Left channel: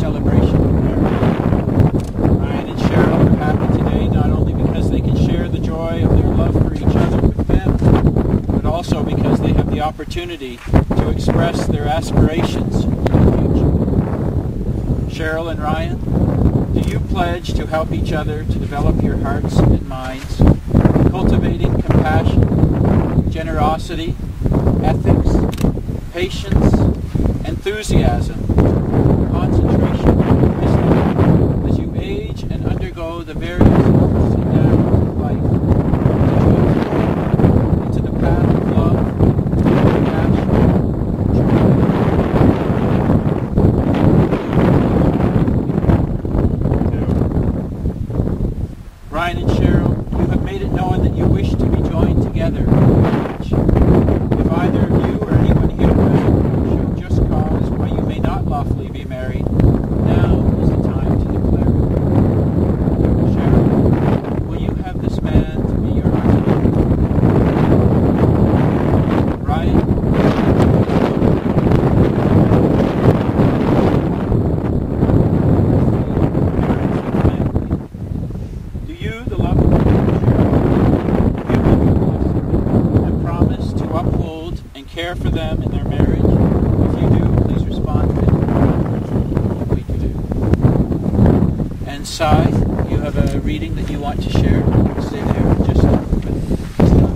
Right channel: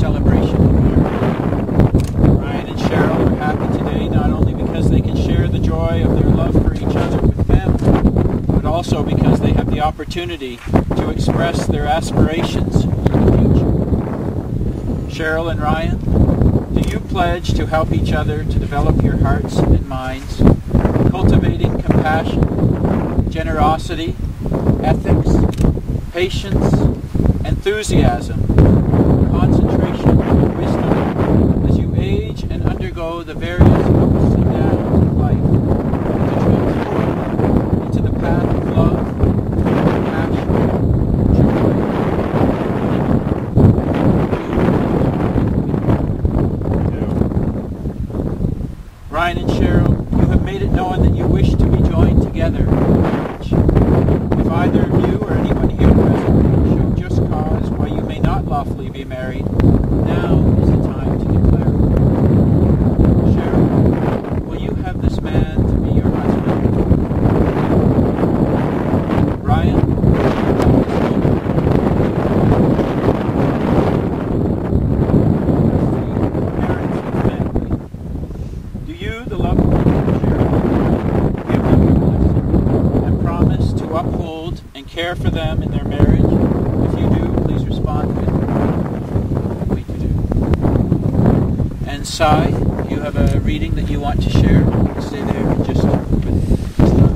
celebration of marriage. Ryan and Cheryl are happy today not only because they can share the joy of their love for each other with family, but also because they have the opportunity to express their aspirations for the future. Cheryl and Ryan, do you pledge to help each other to develop your hearts and minds, cultivating compassion, generosity, ethics, patience, enthusiasm, concentration, and wisdom as you age and undergo the various ups and downs of life, to transform them into the path of love, compassion, joy, and unity? Ryan and Cheryl, you have made it known that you wish to be joined together in marriage. If either of you or anyone here present show just cause why you may not lawfully be married, now is the time to declare it. Cheryl, will you have this man to be your husband? Ryan, will you have this woman to be your wife? As the parents of family, do you, the loved ones of Cheryl and Ryan, give them your blessing and promise to uphold and care for them in their marriage? If you do, please respond with, we do. And Sai, you have a reading that you want to share? You can stay there and just put slouch.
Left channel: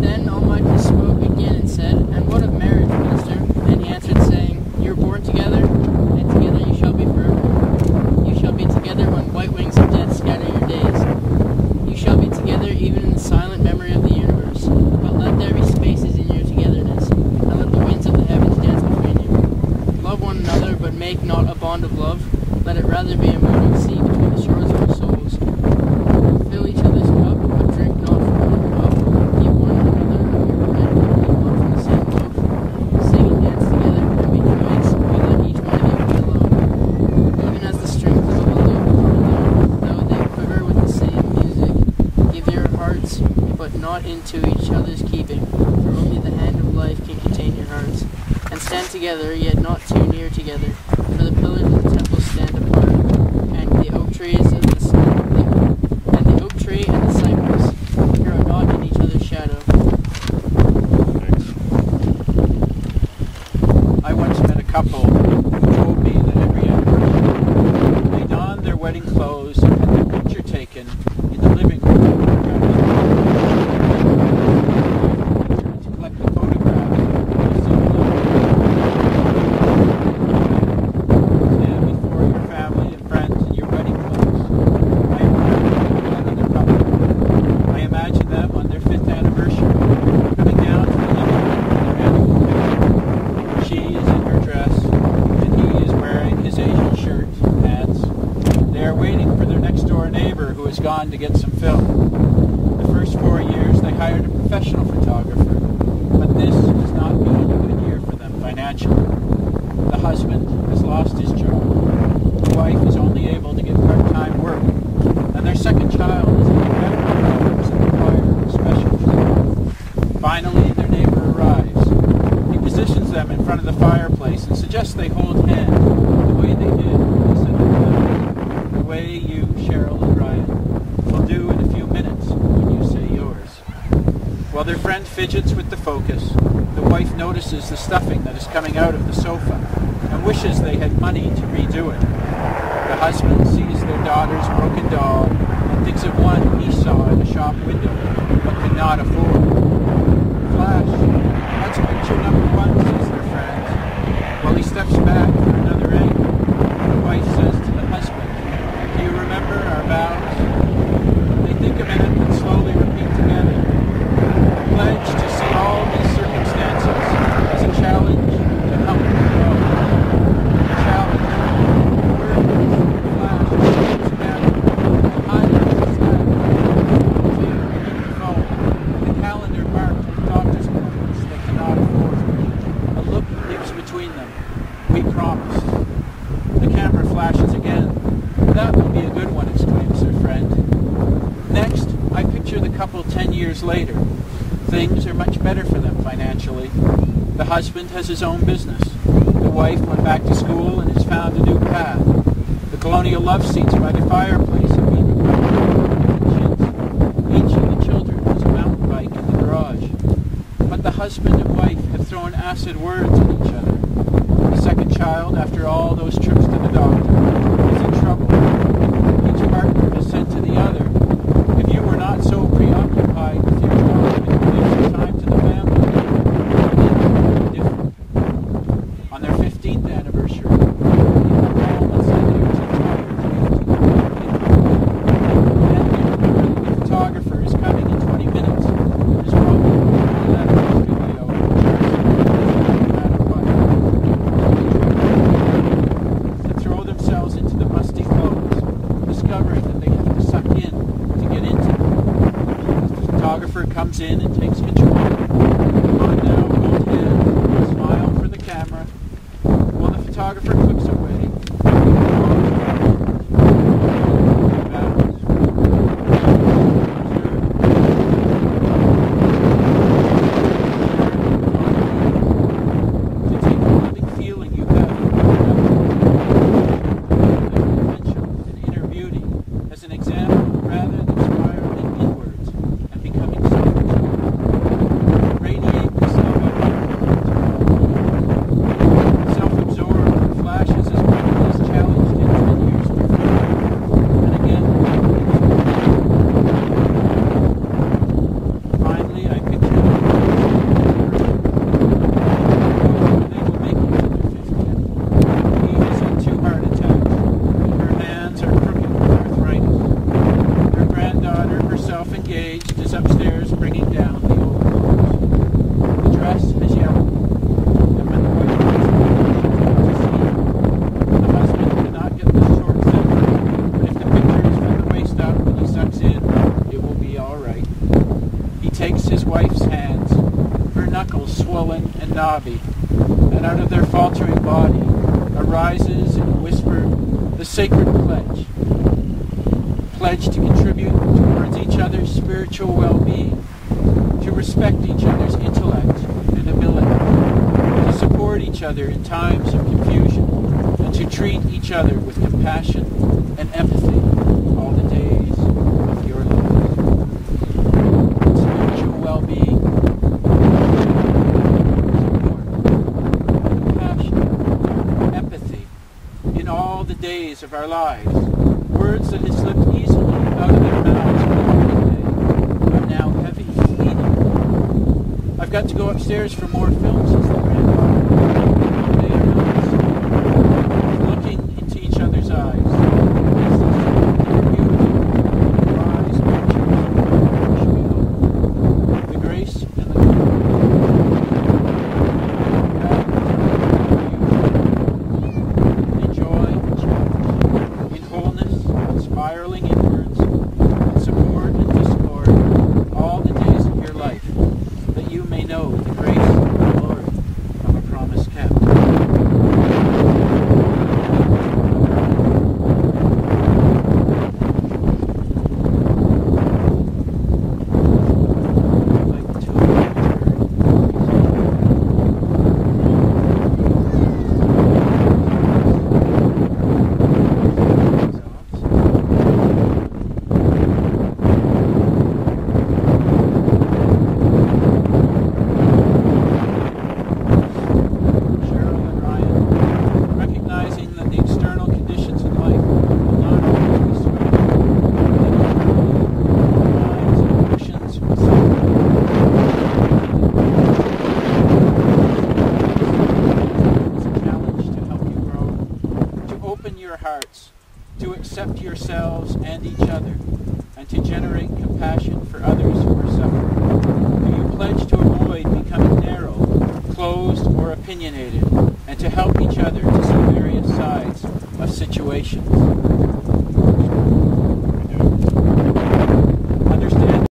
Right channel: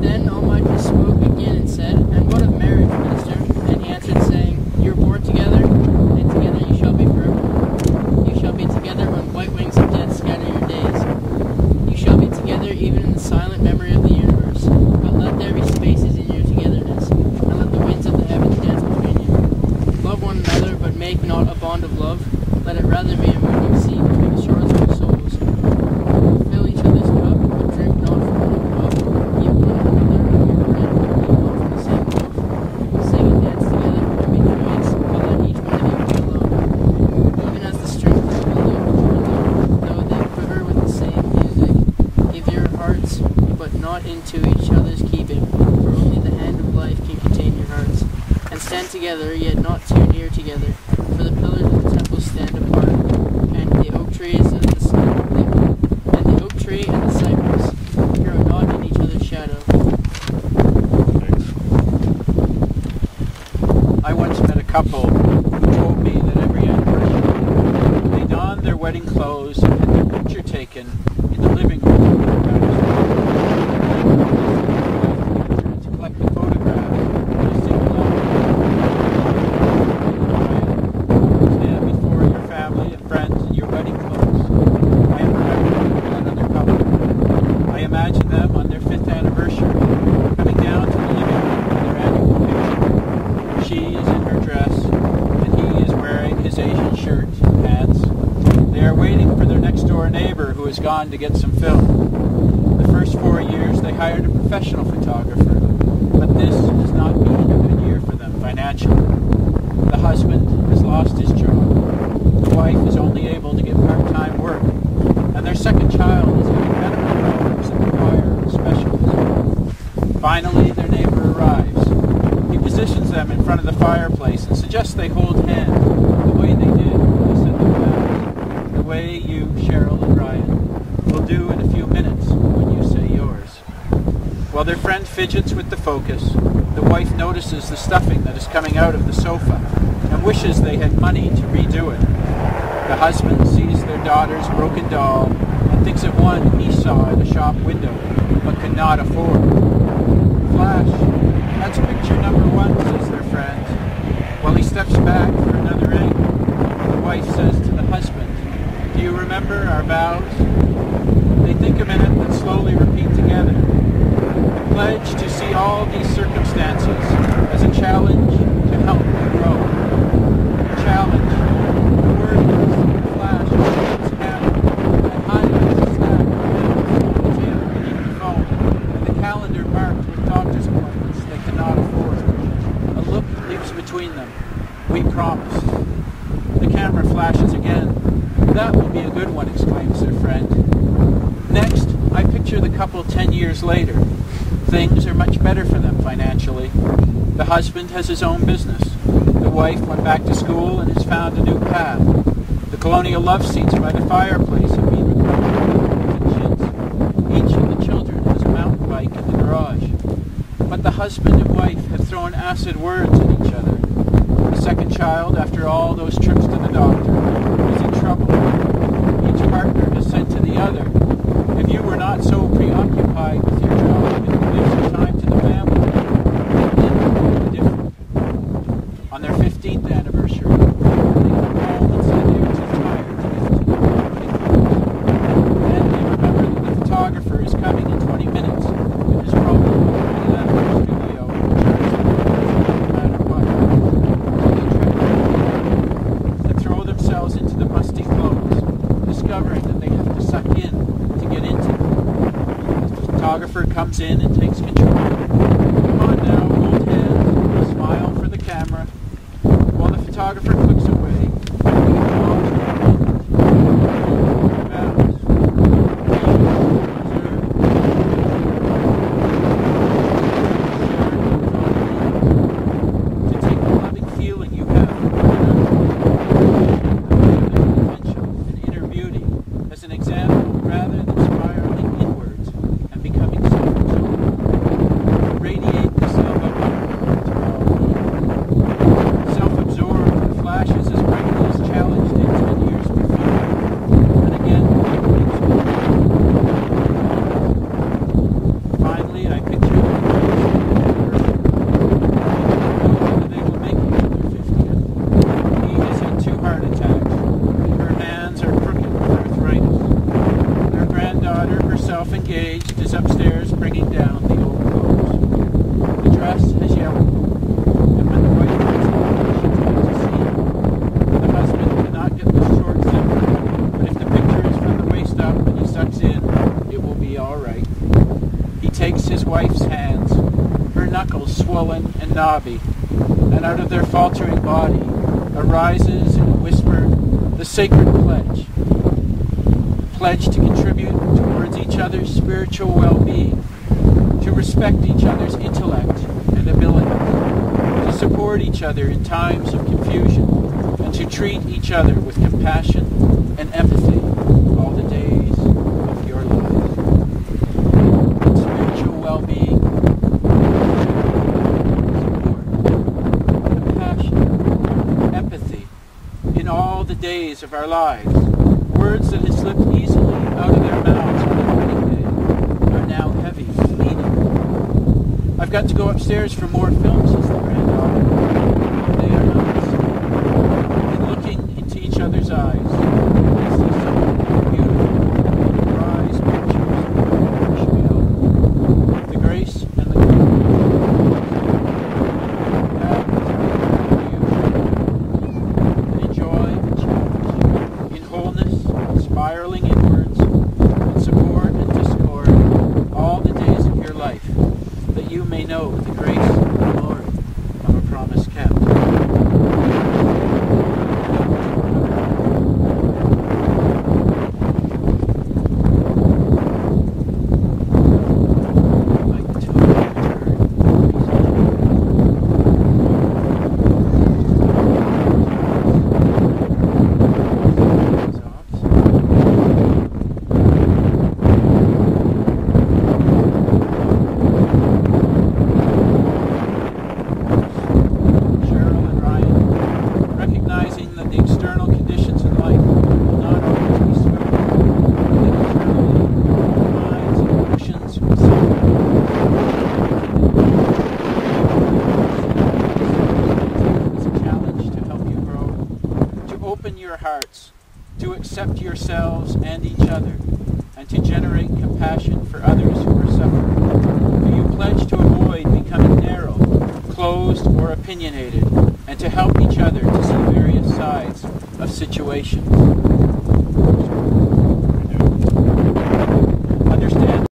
Then Almighty spoke again and said, "And what of marriage, Master?" And he answered, saying, "You were born together, and together you shall be forevermore. You shall be together when white wings of death scatter your days. You shall be together even in the silent memory of the universe. But let there be spaces in your togetherness, and let the winds of the heavens dance between you. Love one another, but make not a bond of love. Let it rather be a moving sea between the shores of your souls. Fill each other's cup, but drink not from one cup. Give one another of your bread, but eat not from the same loaf. Sing and dance together, and be joyous, but let each one of you be alone. Even as the strings of a lute are alone, though they quiver with the same music. Give your hearts, but not into each other's keeping, for only the hand of life can contain your hearts. And stand together, yet not too near together, for the pillars of the temple stand apart, and the oak trees and the cypress grow not in each other's shadow." Thanks. I once met a couple who told me that every anniversary they donned their wedding clothes and had their picture taken in the living room of their house. They liked together and to collect the photographs in a single album. Ryan, stand before your family and friends in your wedding clothes. I am remembering that other couple. I imagine them on their 5th anniversary, coming down to the living room for their annual picture. She is in her dress, and he is wearing his Asian shirt and pants. They are waiting for their next-door neighbor who has gone to get some film. The first 4 years, they hired a professional photographer, but this has not been a good year for them financially. The husband has lost his job. The wife is only able to get part-time work, and their second child is having medical problems that require a specialist. Finally, their neighbor arrives. He positions them in front of the fireplace and suggests they hold hands the way they did when they said their vows, the way you, Cheryl and Ryan, will do in a few minutes when you say yours. While their friend fidgets with the focus, the wife notices the stuffing that is coming out of the sofa and wishes they had money to redo it. The husband sees their daughter's broken doll and thinks of one he saw in a shop window but could not afford. Flash, that's picture number 1, says their friend. While he steps back for another angle, the wife says to the husband, "Do you remember our vows?" They think a minute and slowly repeat together. The pledge to see all these circumstances as a challenge to help you grow. A challenge. The word moves from the flash of the man's camera and highlights a stack of minutes on the table beneath the phone and the calendar marked with doctor's appointments they cannot afford. A look leaps between them. We promised. The camera flashes again. "That will be a good one," exclaims their friend. Next, I picture the couple 10 years later. Things are much better for them financially. The husband has his own business. The wife went back to school and has found a new path. The colonial love seats by the fireplace have been recovered from chintz. Each of the children has a mountain bike in the garage. But the husband and wife have thrown acid words at each other. The second child, after all those trips to the doctor, is in trouble. Each partner has said to the other, "If you were not so preoccupied with your job and could give some time to the family, things would be different." On their 15th anniversary, they come home and say they are too tired to get into their wedding clothes. Then they remember that the photographer is coming in 20 minutes and has probably already left the studio and charged them no matter what. So they trip back and throw themselves into the musty clothes, discovering that they have to suck in to get into them. The photographer comes in and takes control. "Come on now, hold hands, smile for the camera." While the photographer clicks away, they get lost in a moment. Their vows. Preserve, share it with all beings. To take the loving feeling you have for one another, their potential and inner beauty, as an example rather than spiraling inwards and becoming self-absorbed. To radiate this love outward to all beings. Self-absorbed flashes as brightly as challenged in 10 years before, and again makes me honest. Finally, I picture them close to the anniversary. They do not know whether they will make it to their 50th. He has had 2 heart attacks, and her hands are crooked with arthritis. Their granddaughter, herself engaged, is upstairs bringing down the old clothes. The dress has yellowed, and when the wife comes home, she takes a seat. The husband cannot get the short zipper, but if the picture is from the waist up and he sucks in, it will be all right. He takes his wife's hands, her knuckles swollen and knobby, and out of their faltering body arises in a whisper the sacred pledge. Pledge to contribute towards each other's spiritual well-being, to respect each other's intellect and abilities, to support each other in times of confusion, and to treat each other with compassion and empathy all the days of your lives. Spiritual well-being, support, compassion, empathy in all the days of our lives. Words that had slipped easily out of their mouths on their wedding day are now heavy and needed. "I've got to go upstairs for more film," says the granddaughter. They are not listening. And looking into each other's eyes, they see something more beautiful than prized pictures of their anniversary album. The grace and the glory. That is our prayer for you. But in joy and challenge, in wholeness, spiraling inwards, in support and discord, all the days of your life, that you may know the grace and glory of a promise kept. I'd like the 2 of you to return. Cheryl and Ryan, recognizing that the external conditions in life will not always be smooth, that internally your own minds and emotions will sometimes as a challenge to help you grow, to open your hearts, to accept yourselves and each other, and to generate compassion for others who are suffering. Do you pledge to avoid becoming narrow, closed, or opinionated, and to help each other to see various sides of situations?